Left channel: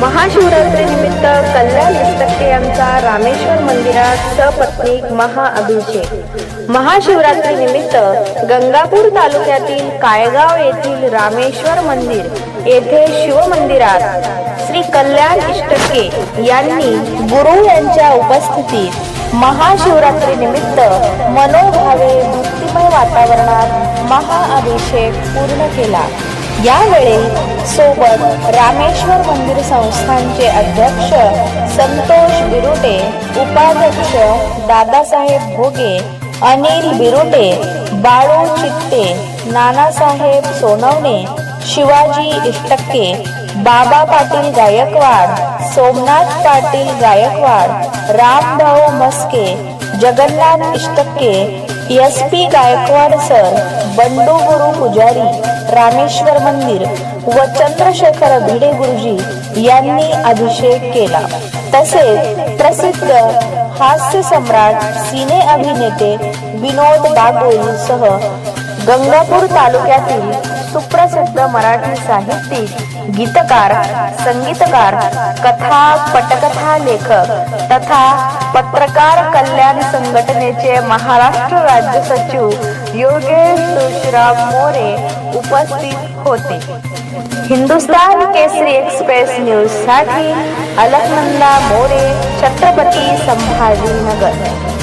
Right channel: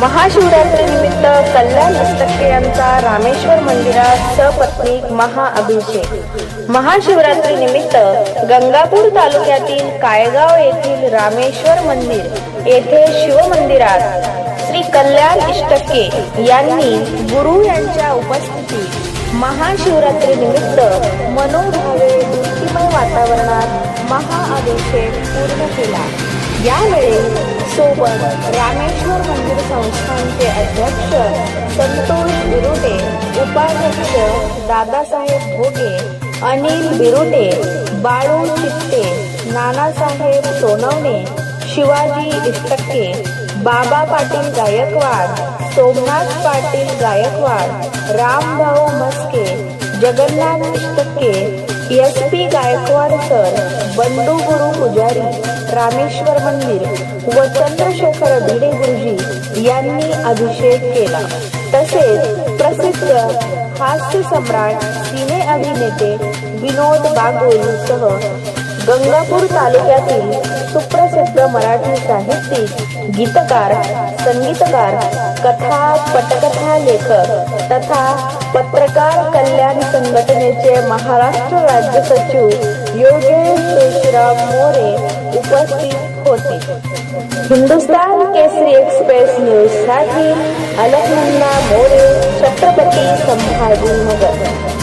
महाशिवरात्रीनिमित्त कल्याण इष्टके यांचा रामेश्वर मंदिरात सपत्नीक महाअभिषेक. महाशिवरात्रीनिमित्त गंगापूर तालुक्यातील कायगाव येथील रामेश्वर मंदिर येथे शिवमंदिरात श्री कल्याण इष्टके यांनी गुरु यांच्या उपस्थितीत महाशिवरात्रीनिमित्त मनोभावे भक्तिमय वातावरणात महाअभिषेक पूर्ण केला. यावेळी सोबत रामेश्वर मंदिर संस्थानचे अध्यक्ष संतोष बिरुटे उपाध्यक्ष दादासाहेब भोगे अनिल बिरुटे बाळू चित्ते Nanasaheb Sonawane Shivaji Ishtakke Baba Patil Gaikwad Somnath Patil Gaikwad Rambhau Maske Jagannath Ishtakke S P Gaikwad sir Bandu Guru Pujari Rameshwar मंदिर व चंद्रशेखर भिडे गुरुजी यांनी अभिषेक केला. तसेच प्रसिद्ध हास्य सम्राट सिने अभिनेते विनोद बागोल सह गंगापूर तालुक्यातील सुप्रसिद्ध मराठी साहित्यिक गीतकार संगीतकार कथा पटकथा लेखक तथा पत्रकार कल्याण संघटनेचे महाराष्ट्र राज्य सचिव योगेश तुळशीराम मोरे उपस्थित होते. हिंदुस्तान केसरी एक्सप्रेस न्यूजसाठी अलकनंदा मोरे छत्रपती संभाजीनगर.